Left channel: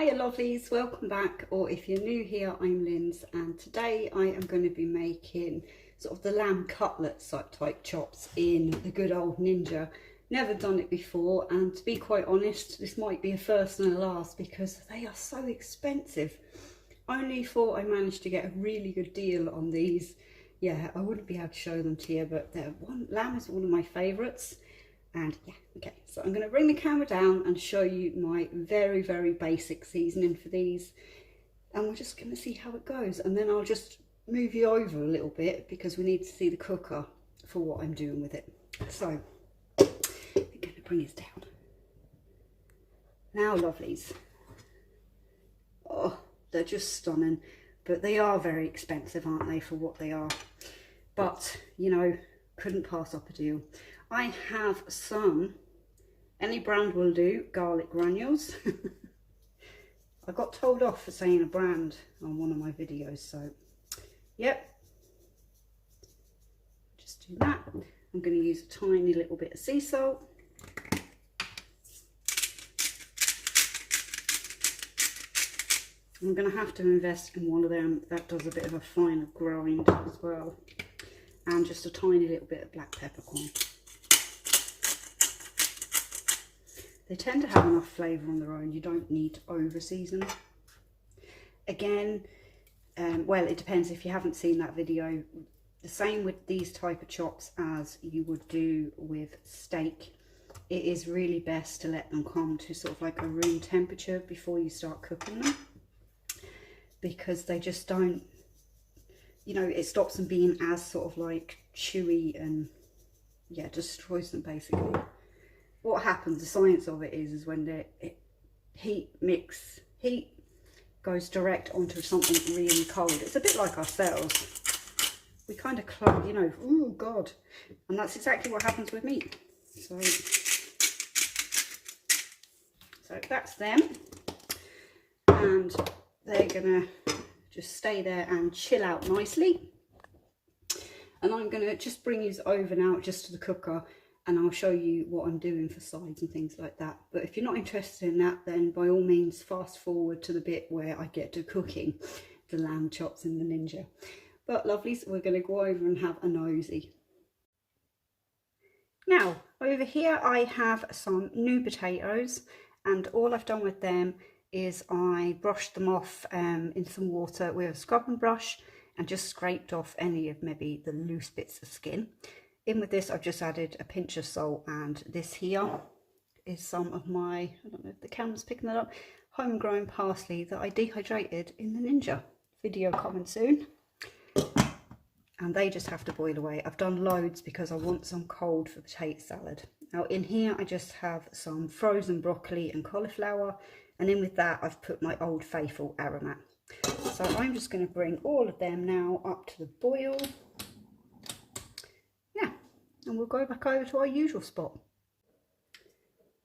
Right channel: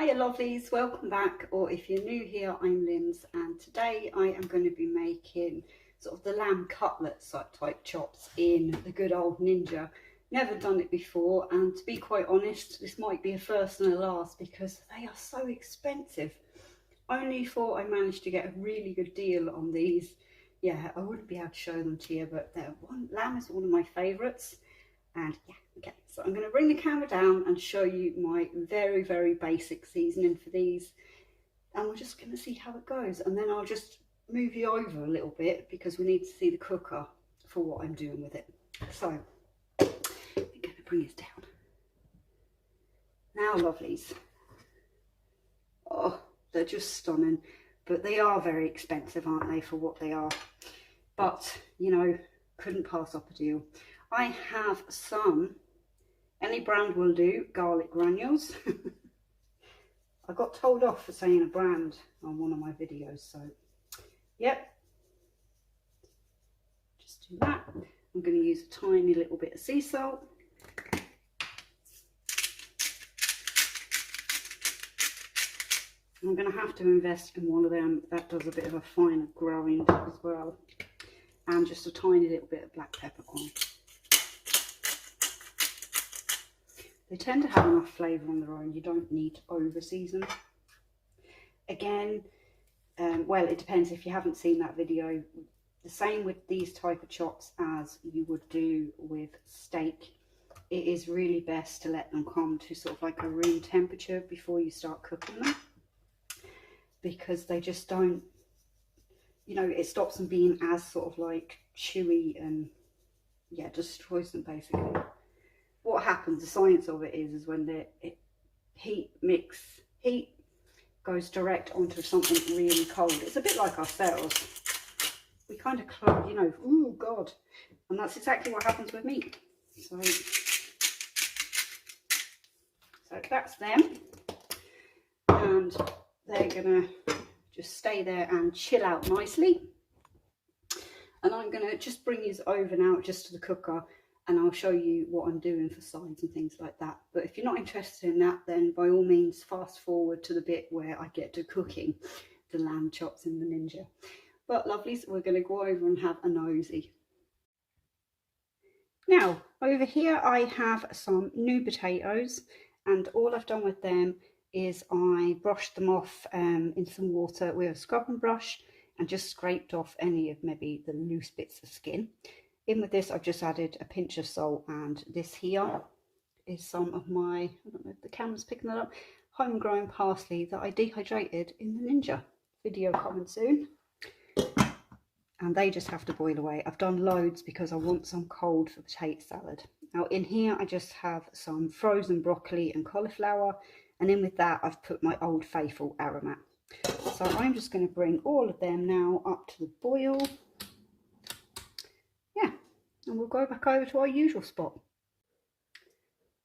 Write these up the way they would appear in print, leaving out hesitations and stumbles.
Hiya lovelies, welcome back, or if you're new here, I'm Linz, and today I am going to be making sort of the lamb cutlet type chops in the good old Ninja. Never done it before, and to be quite honest, this might be a first and a last because they are so expensive. Only thought I managed to get a really good deal on these. Yeah, I wouldn't be able to show them to you, but lamb is one of my favourites. And yeah, okay, so I'm going to bring the camera down and show you my very, very basic seasoning for these. And we're just going to see how it goes. And then I'll just move you over a little bit because we need to see the cooker for what I'm doing with it. So, I'm going to bring this down. Now, lovelies. Oh, they're just stunning. But they are very expensive, aren't they, for what they are? But, you know, couldn't pass up a deal. I have some, any brand will do, garlic granules. I got told off for saying a brand on one of my videos, so yep, just do that. I'm going to use a tiny little bit of sea salt. I'm going to have to invest in one of them that does a bit of a finer grind as well, and just a tiny little bit of black peppercorn. They tend to have enough flavour on their own, you don't need to over season. Again, well, it depends. If you haven't seen that video, the same with these type of chops as you would do with steak. It is really best to let them come to sort of like a room temperature before you start cooking them, because they just don't, you know, it stops them being as sort of like chewy and yeah, destroys them basically. What happens, the science of it is when the heat goes direct onto something really cold. It's a bit like ourselves. We kind of clump, you know, oh God. And that's exactly what happens with meat. So that's them. And they're gonna just stay there and chill out nicely. And I'm gonna just bring these over now just to the cooker, and I'll show you what I'm doing for sides and things like that. But if you're not interested in that, then by all means fast forward to the bit where I get to cooking the lamb chops in the Ninja. But lovelies, we're going to go over and have a nosy. Now, over here I have some new potatoes, and all I've done with them is I brushed them off in some water with a scrubbing brush and just scraped off any of maybe the loose bits of skin. In with this, I've just added a pinch of salt, and this here is some of my, I don't know if the camera's picking that up, homegrown parsley that I dehydrated in the Ninja. Video coming soon. And they just have to boil away. I've done loads because I want some cold for potato salad. Now in here, I just have some frozen broccoli and cauliflower, and in with that, I've put my Old Faithful aromat. So I'm just going to bring all of them now up to the boil. And we'll go back over to our usual spot.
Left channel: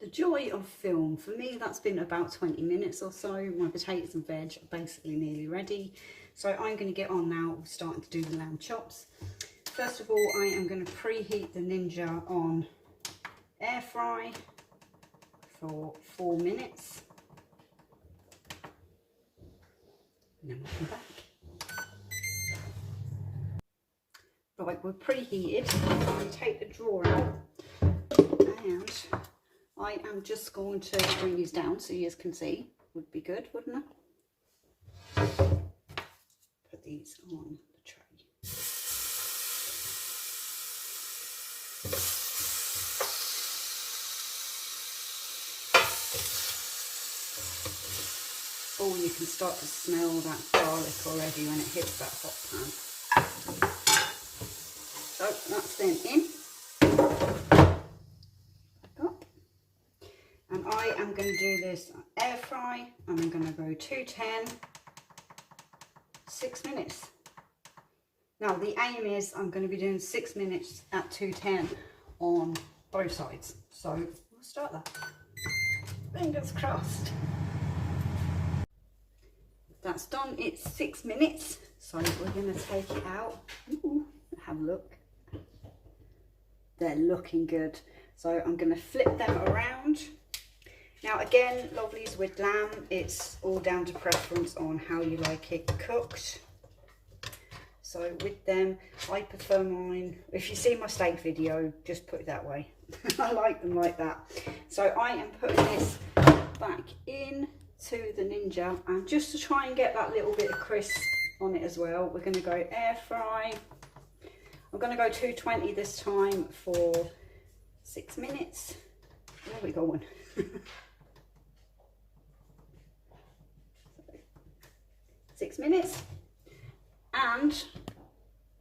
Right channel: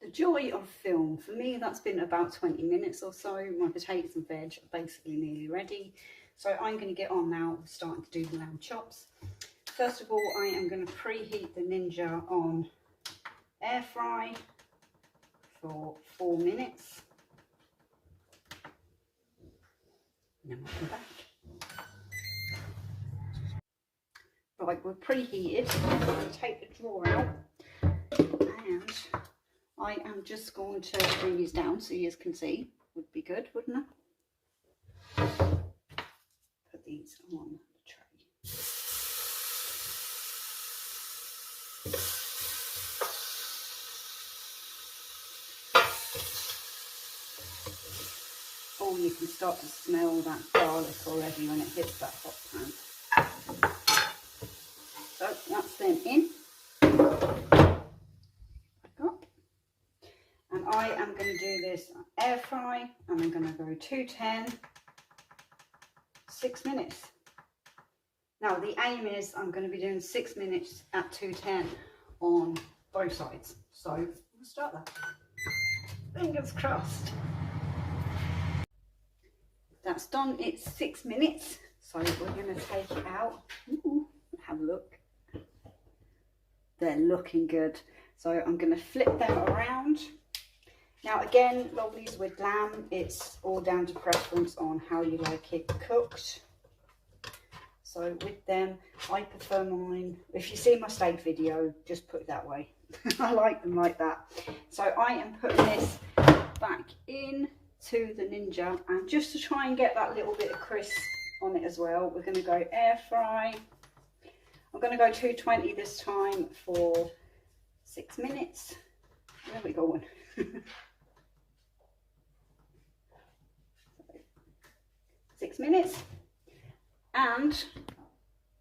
The joy of film, for me that's been about 20 minutes or so. My potatoes and veg are basically nearly ready. So I'm going to get on now, starting to do the lamb chops. First of all, I am going to preheat the Ninja on air fry for 4 minutes. And then we'll come back. Right, we're preheated. I'm going to take the drawer out, and I am just going to bring these down so you can see. Would be good, wouldn't it? Put these on the tray. Oh, you can start to smell that garlic already when it hits that hot pan. So that's them in. And I am going to do this air fry, and I'm going to go 210, 6 minutes. Now the aim is I'm going to be doing 6 minutes at 210 on both sides. So we'll start that. Fingers crossed. That's done. It's 6 minutes. So we're going to take it out. Ooh, have a look. They're looking good. So I'm going to flip them around. Now again, lovelies, with lamb, it's all down to preference on how you like it cooked. So with them, I prefer mine, if you see my steak video, just put it that way. I like them like that. So I am putting this back in to the Ninja, and just to try and get that little bit of crisp on it as well, we're going to go air fry. I'm going to go 220 this time for 6 minutes. Where are we going? 6 minutes, and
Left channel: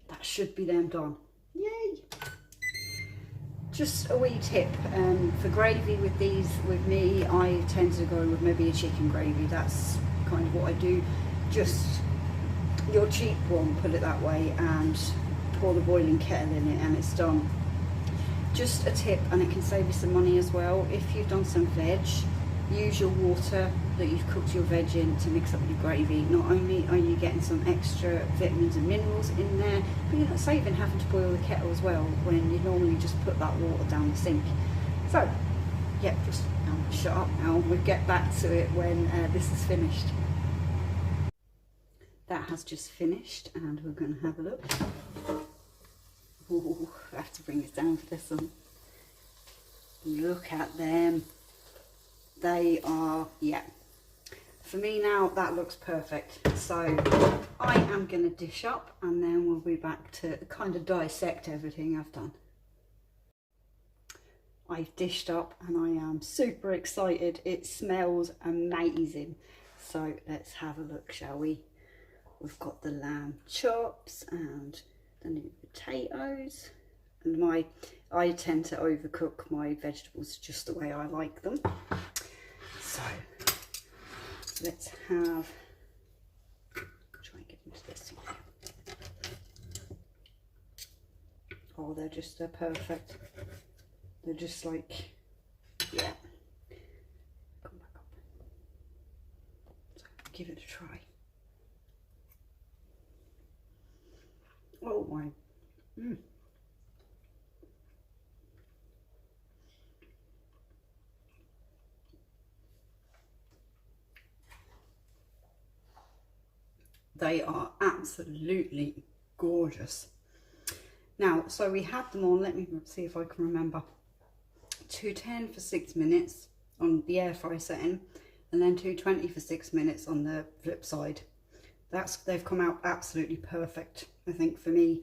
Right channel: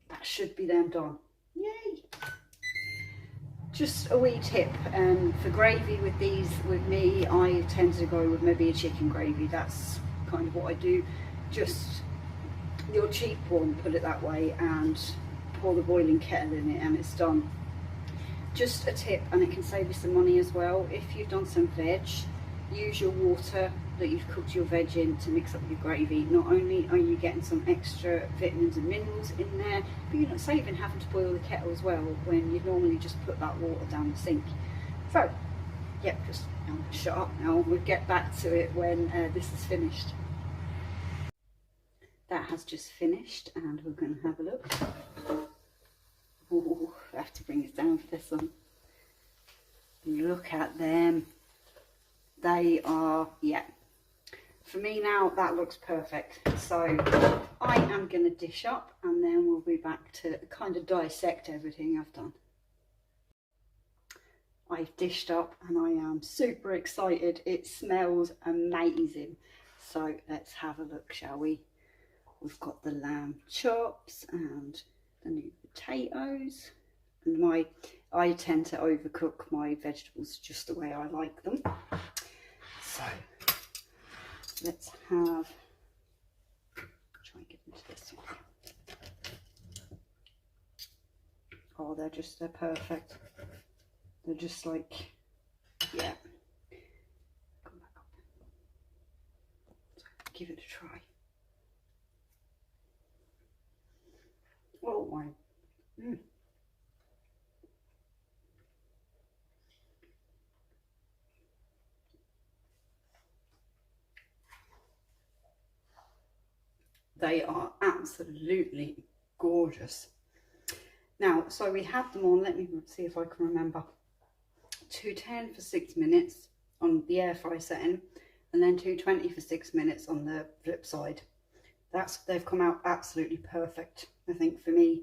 that should be them done. Yay! Just a wee tip, for gravy with these, with me, I tend to go with maybe a chicken gravy. That's kind of what I do. Just your cheap one, put it that way, and pour the boiling kettle in it and it's done. Just a tip, and it can save you some money as well. If you've done some veg, use your water that you've cooked your veg in to mix up your gravy. Not only are you getting some extra vitamins and minerals in there, but you're not saving having to boil the kettle as well when you normally just put that water down the sink. So, yep, just shut up now, and we'll get back to it when this is finished. That has just finished, and we're going to have a look. Ooh, I have to bring this down for this one. Look at them. They are, yeah. For me now, that looks perfect. So I am going to dish up, and then we'll be back to kind of dissect everything I've done. I've dished up and I am super excited. It smells amazing. So let's have a look, shall we? We've got the lamb chops and the new potatoes. And I tend to overcook my vegetables just the way I like them. So let's have, try and get into this one. Oh, they're perfect. They're just like, yeah. Come back up. So give it a try. Oh my. They are absolutely gorgeous. Now, so we had them on, let me see if I can remember, 210 for 6 minutes on the air fry setting, and then 220 for 6 minutes on the flip side. They've come out absolutely perfect, I think, for me.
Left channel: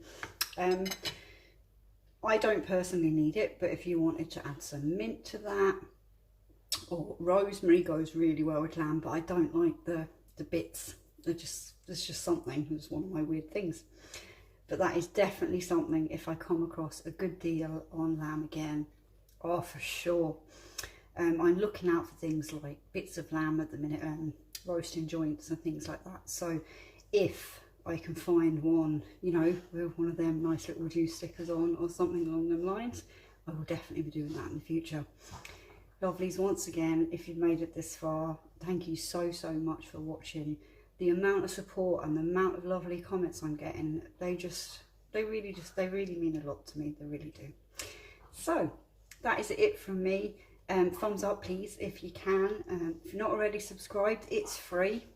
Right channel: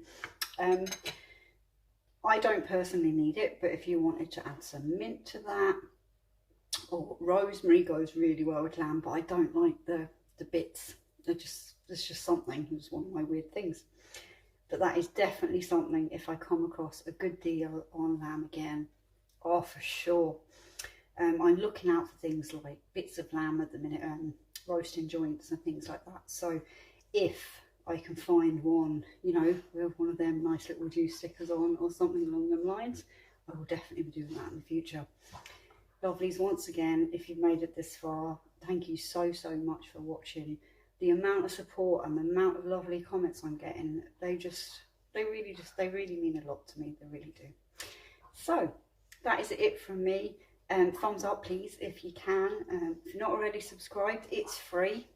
I don't personally need it, but if you wanted to add some mint to that, or rosemary goes really well with lamb, but I don't like the bits. It's just something. It's one of my weird things. But that is definitely something, if I come across a good deal on lamb again, oh, for sure. I'm looking out for things like bits of lamb at the minute, roasting joints and things like that. So if I can find one, you know, with one of them nice little juice stickers on or something along them lines, I will definitely be doing that in the future. Lovelies, once again, if you've made it this far, thank you so much for watching. The amount of support and the amount of lovely comments I'm getting, they really mean a lot to me. They really do. So that is it from me. Thumbs up please if you can. If you're not already subscribed, it's free,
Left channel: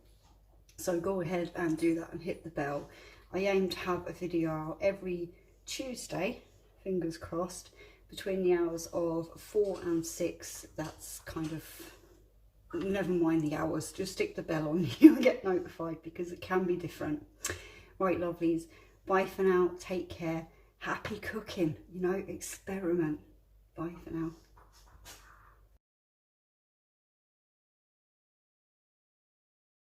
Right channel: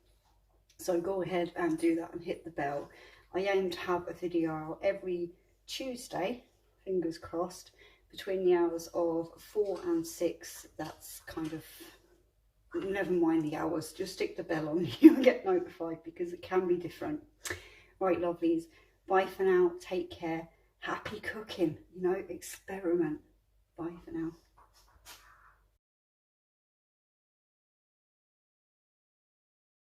so go ahead and do that and hit the bell. I aim to have a video out every Tuesday, fingers crossed, between the hours of 4 and 6. That's kind of, never mind the hours, just stick the bell on, you'll get notified, because it can be different. Right, lovelies, bye for now, take care, happy cooking, you know, experiment. Bye for now.